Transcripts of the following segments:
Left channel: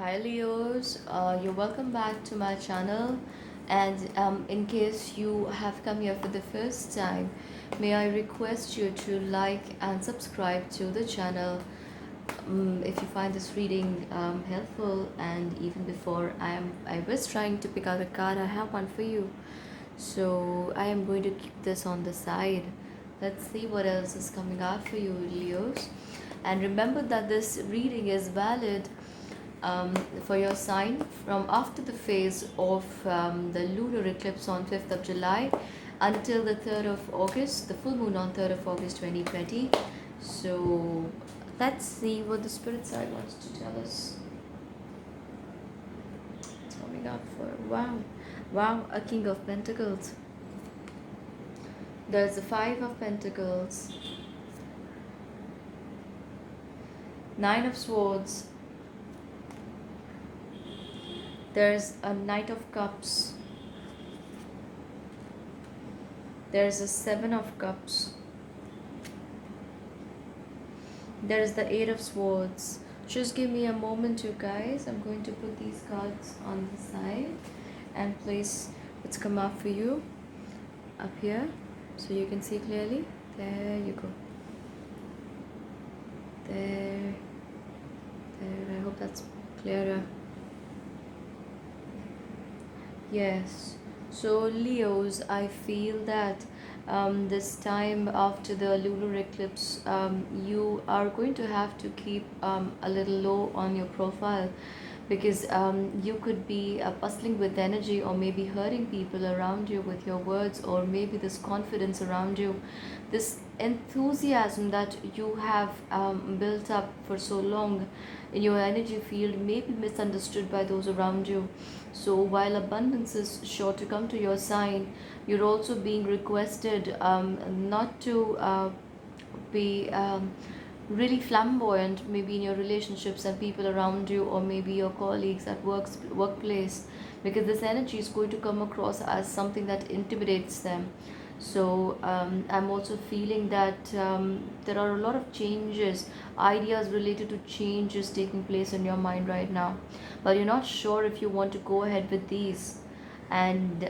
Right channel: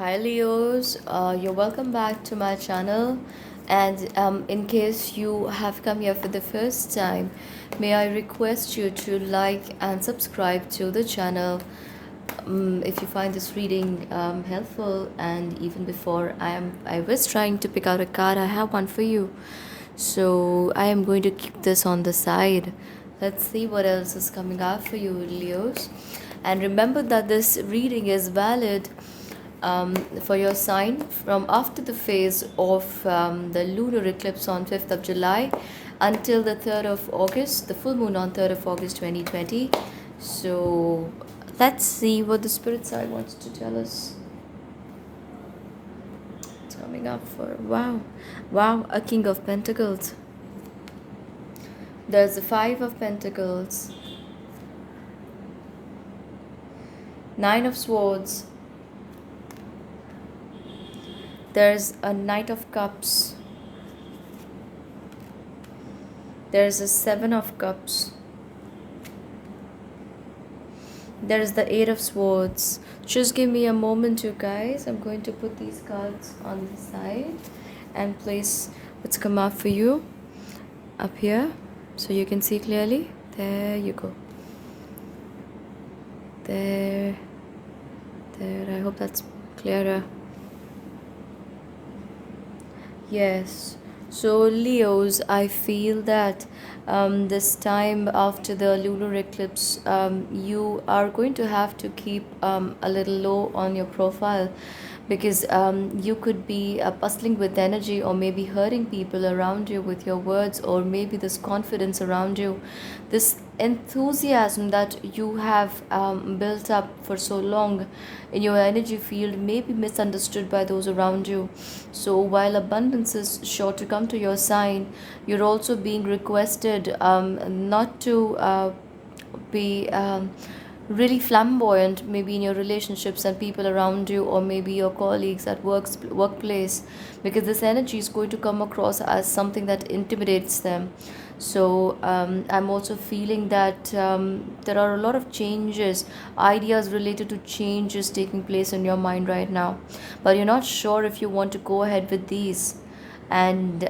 Hi Leos, you're welcome back to my channel. And in case you have come here for the first time, may I request you to like and subscribe to the channel if you find this reading helpful. And even before I was trying to pick out a card, I have one for you. So I am going to keep this on the side. Let's see what else is coming out for you, Leos. And remember that this reading is valid for your sign from after the phase of the lunar eclipse on 5th of July until the 3rd of August, the full moon on 3rd of August 2020. So let's see what the spirit side wants to tell us. Coming up for wow, a King of Pentacles. There's a Five of Pentacles, Nine of Swords, there's a Knight of Cups, there's a Seven of Cups, there's the Eight of Swords. Just give me a moment, you guys. I'm going to put these cards on the side and place what's come up for you up here so you can see clearly. There you go. There. I hope that's clearer. Yes. So Leos, I feel that this time after the lunar eclipse, you are going to have to keep a little low on your profile because you could be bustling with energy or maybe hurting people around you with your words, or maybe this confidence around you, this enthusiasm that you have built up for so long in your energy field may be misunderstood by those around you. So while abundance is sure to come to your sign, you're also being requested not to be really flamboyant maybe in your relationships and people around you, or maybe your colleagues at workplace, because this energy is going to come across as something that intimidates them. So I'm also feeling that there are a lot of changes, ideas related to changes taking place in your mind right now, but you're not sure if you want to go ahead with these. And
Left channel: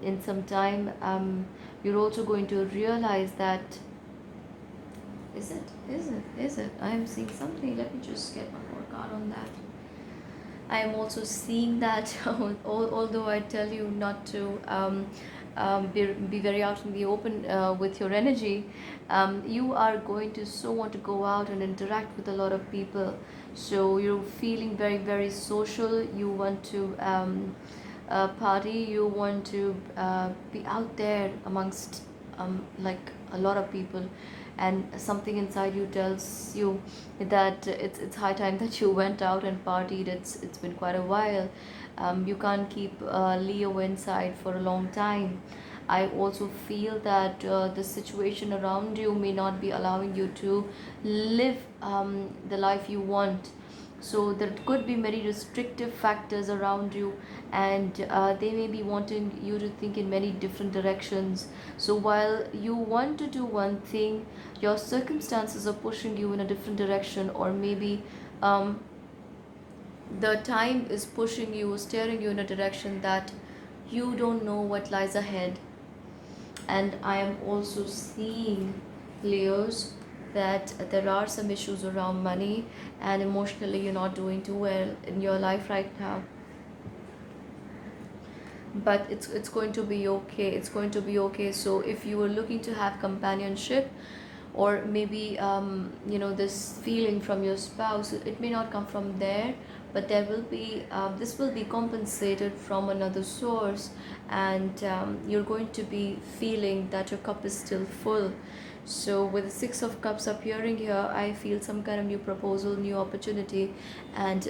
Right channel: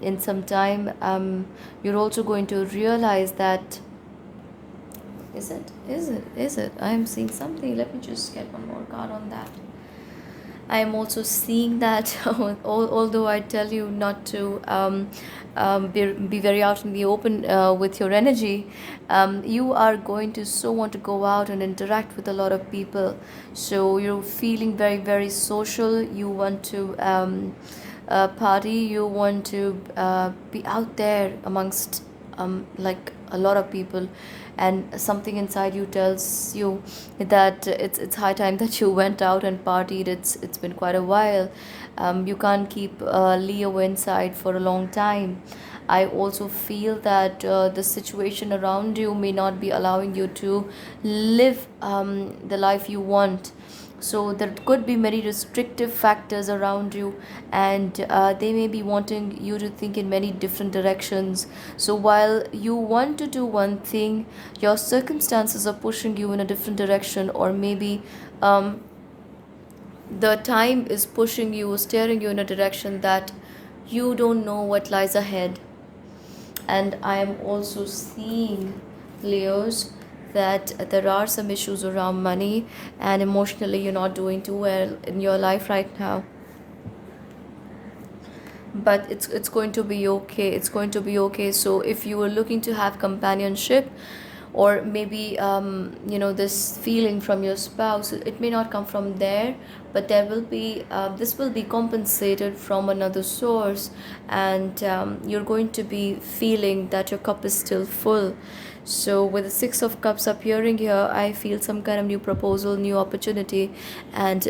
in some time you're also going to realize that is it I am seeing something. Let me just get one more card on that. I am also seeing that although I tell you not to be very out in the open with your energy, you are going to so want to go out and interact with a lot of people. So you're feeling very, very social. You want to party. You want to be out there amongst like a lot of people, and something inside you tells you that it's high time that you went out and partied. It's been quite a while. You can't keep Leo inside for a long time. I also feel that the situation around you may not be allowing you to live the life you want. So there could be many restrictive factors around you, and they may be wanting you to think in many different directions. So while you want to do one thing, your circumstances are pushing you in a different direction, or maybe um, the time is pushing you, steering you in a direction that you don't know what lies ahead. And I am also seeing, Leos, that there are some issues around money, and emotionally you're not doing too well in your life right now. But it's going to be okay. It's going to be okay. So if you were looking to have companionship, or maybe this feeling from your spouse, it may not come from there, but there will be this will be compensated from another source, and you're going to be feeling that your cup is still full. So with the Six of Cups appearing here, I feel some kind of new proposal, new opportunity, and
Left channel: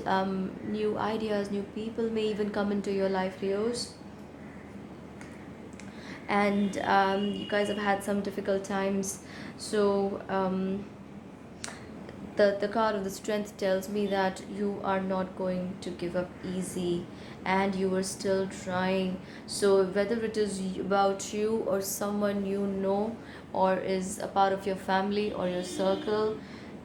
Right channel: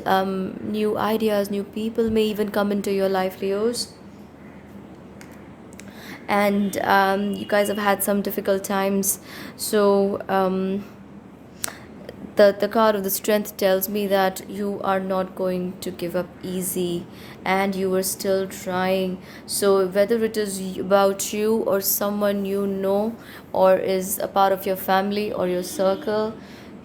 new ideas, new people may even come into your life, Leos. And you guys have had some difficult times. So the card of the Strength tells me that you are not going to give up easy, and you are still trying. So whether it is about you or someone you know, or is a part of your family or your circle,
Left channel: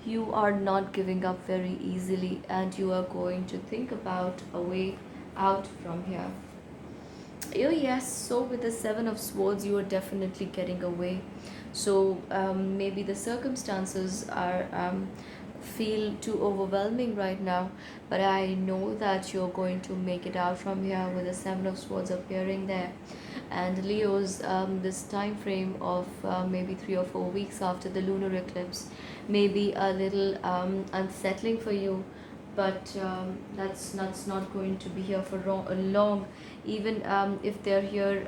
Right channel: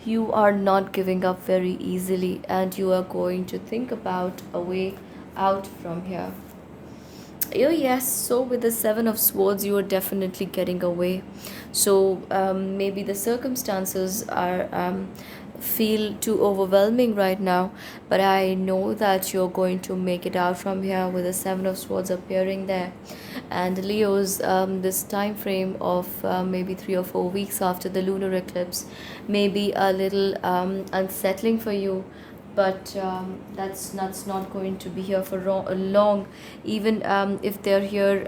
You are not giving up very easily, and you are going to think about a way out from here. Oh, yes. So, with the Seven of Swords, you are definitely getting away. So, maybe the circumstances are feel too overwhelming right now, but I know that you're going to make it out from here with the Seven of Swords appearing there. And Leo's this time frame of maybe 3 or 4 weeks after the lunar eclipse may be a little unsettling for you, but that's not going to be here for long. Even if they're here,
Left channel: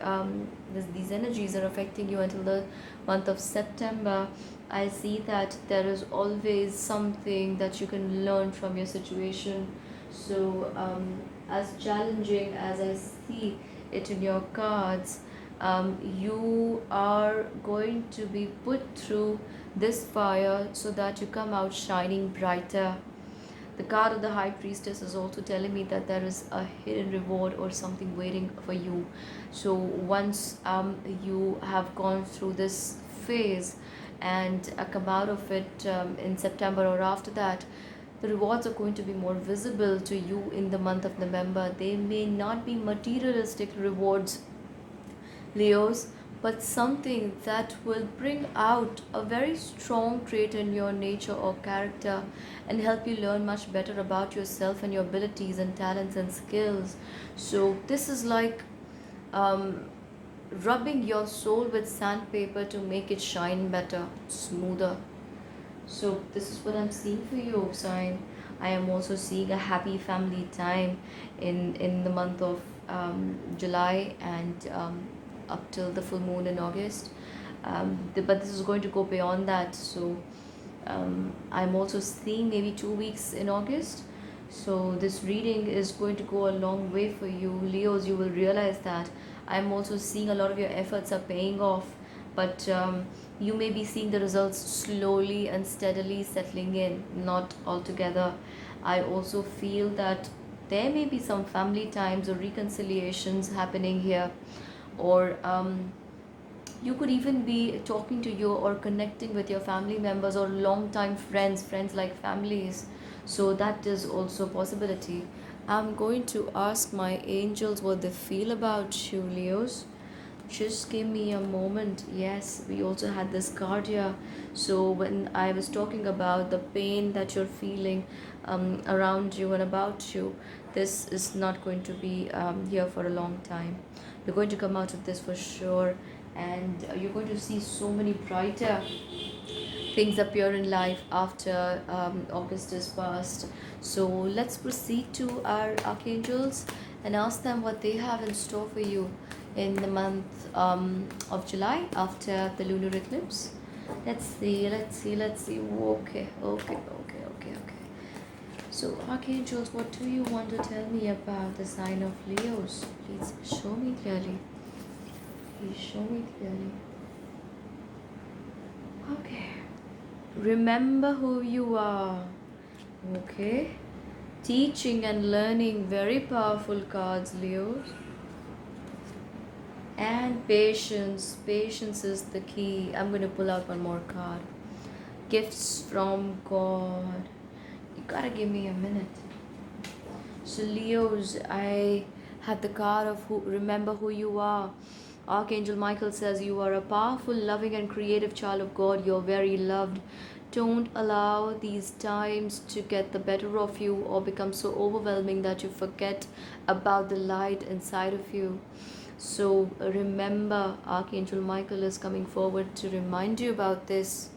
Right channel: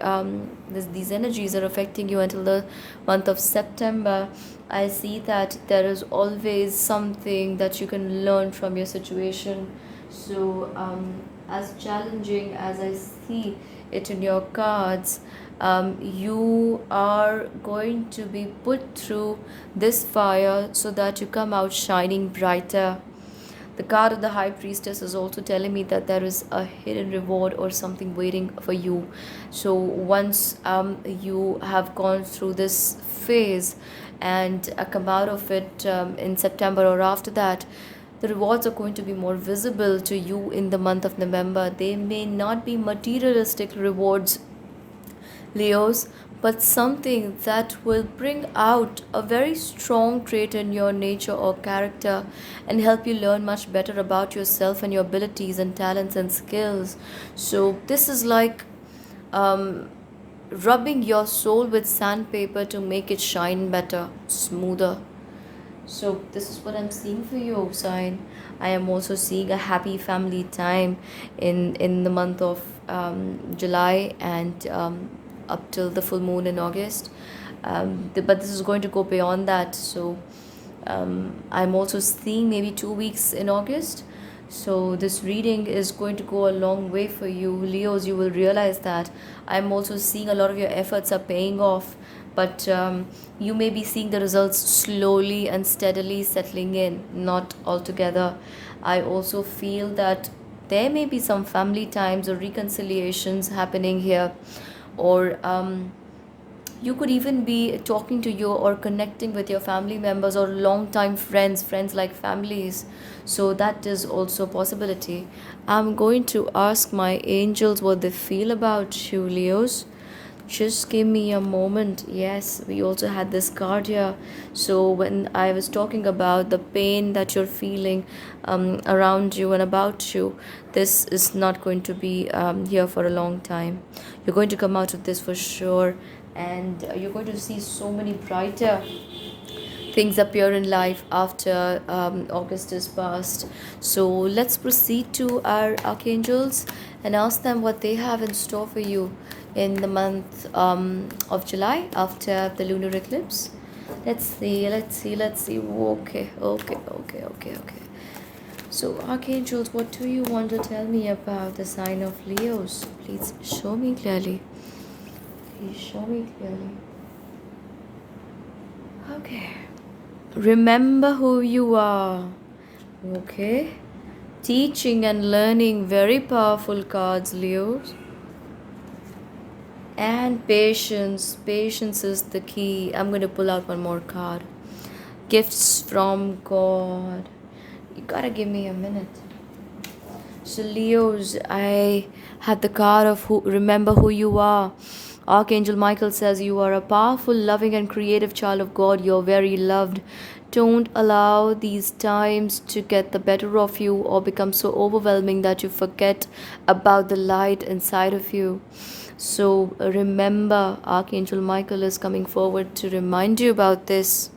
these energies are affecting you until the month of September. I see that there is always something that you can learn from your situation. So as challenging as I see it in your cards, you are going to be put through this fire so that you come out shining brighter. The card of the High Priestess is also telling me that there is a hidden reward or something waiting for you. So once you have gone through this phase and come out of it in September or after that, the rewards are going to be more visible to you in the month of November. They may not be materialistic rewards, Leos, but something that will bring out a very strong trait in your nature or character and help you learn much better about yourself and your abilities and talents and skills. So, this is like um, rubbing your soul with sandpaper to make it shine better, smoother. So this is what I'm seeing for you, sign. I am also seeing a happy family time in the month of July and up till the full moon in August. But this is going to go beyond that. So I'm also seeing maybe 2 weeks in August. So this reading is going to go a long way for you, Leos. You will realize that I'm also seeing a lot of your efforts are paying off, but you may be seeing the results slowly and steadily settling in, not altogether. I also feel that there may be some family times or reconciliations happening here, or you could even be talking to you or connecting with your family members or long time friends like families. So that is also a possibility. I'm going to ask my angels what they feel about you, Leos. Just give me a moment. Yes, we also had this card here. So when I was talking about the pain that you're feeling around you and about you, this is not going to be here for a long time. You're going to come out of this for sure, and you're going to see so many brighter things appear in life after August is past. So let's proceed to our archangels and ask them what they have in store for you in the month of July after the lunar eclipse. Let's see. Okay. So, archangels, what do you want to tell me about the sign of Leos? Please show me clearly. Please show me clearly. Okay. Remember who you are. Okay. Teaching and learning, very powerful cards, Leos. And patience. Patience is the key. I'm going to pull out one more card. Gifts from God. You gotta give me a minute. So, Leos, I had the card of who. Remember who you are. Archangel Michael says you are a powerful, loving, and creative child of God. You're very loved. Don't allow these times to get the better of you or become so overwhelming that you forget about the light inside of you. So remember, Archangel Michael is coming forward to remind you about this.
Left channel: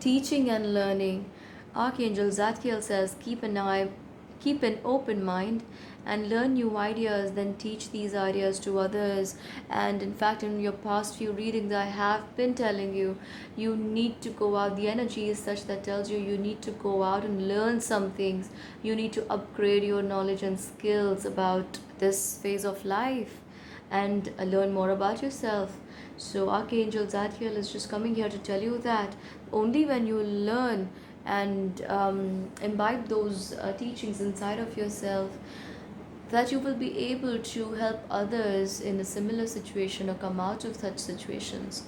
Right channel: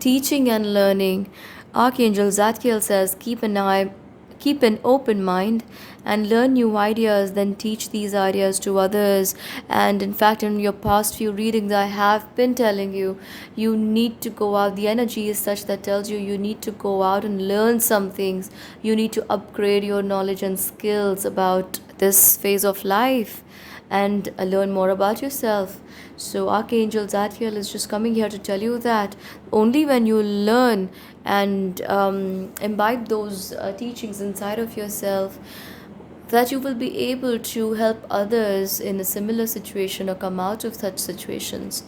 Teaching and learning. Archangel Zadkiel says, keep an open mind and learn new ideas, then teach these ideas to others. And in fact, in your past few readings, I have been telling you, you need to go out. The energy is such that tells you you need to go out and learn some things. You need to upgrade your knowledge and skills about this phase of life and learn more about yourself. So, Archangel Zadkiel is just coming here to tell you that only when you learn and imbibe those teachings inside of yourself, that you will be able to help others in a similar situation or come out of such situations.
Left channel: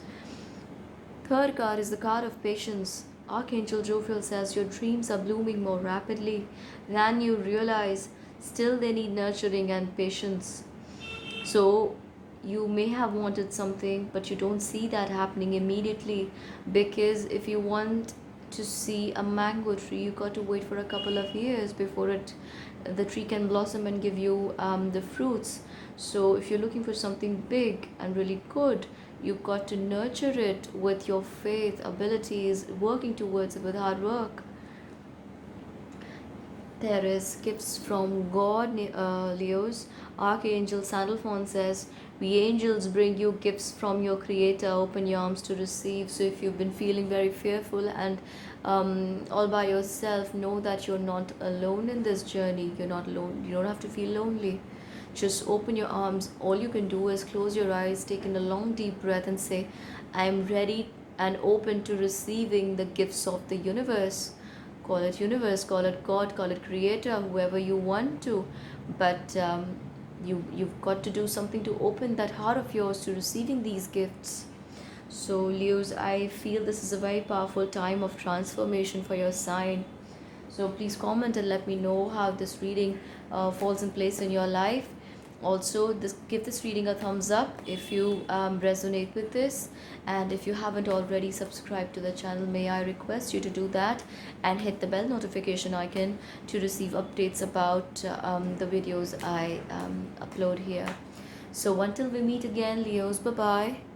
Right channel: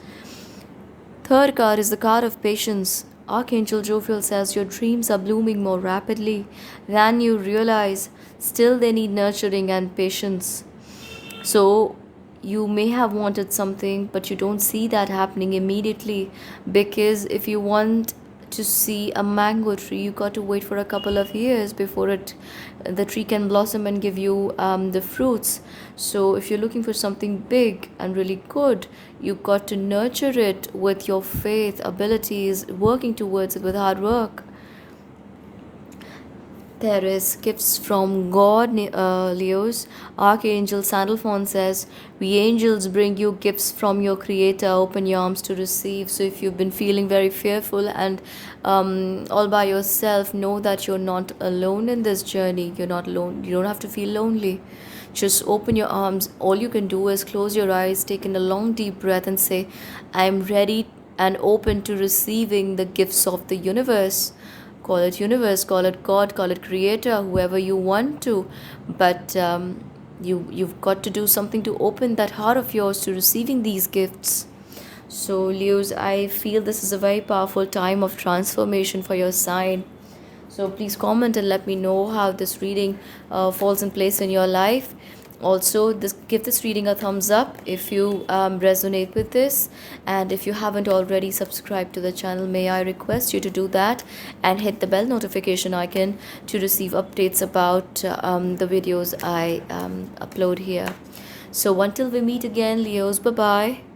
Third card is the card of patience. Archangel Jophiel says your dreams are blooming more rapidly than you realize. Still, they need nurturing and patience. So, you may have wanted something, but you don't see that happening immediately, because if you want to see a mango tree, you got to wait for a couple of years before the tree can blossom and give you the fruits. So if you're looking for something big and really good, you got to nurture it with your faith, abilities, working towards it with hard work. There is gifts from God, Leos. Archangel Sandalphon says, "We angels bring you gifts from your Creator. Open your arms to receive." So, if you've been feeling very fearful and all by yourself, know that you're not alone in this journey. You're not alone. You don't have to feel lonely. Just open your arms. All you can do is close your eyes, take in a long, deep breath, and say, "I'm ready and open to receiving the gifts of the universe." Call it universe, call it God, call it creator, whoever you want to, but you've got to do something to open that heart of yours to receiving these gifts. So Leos, I feel this is a very powerful time of transformation for your sign. So please comment and let me know how this reading falls in place in your life. Also, give this reading a thumbs up if you resonate with this, and if you haven't already subscribed to the channel, may I request you to do that and hit the bell notification icon to receive updates about the videos I upload here. So until we meet again, Leos, bye bye.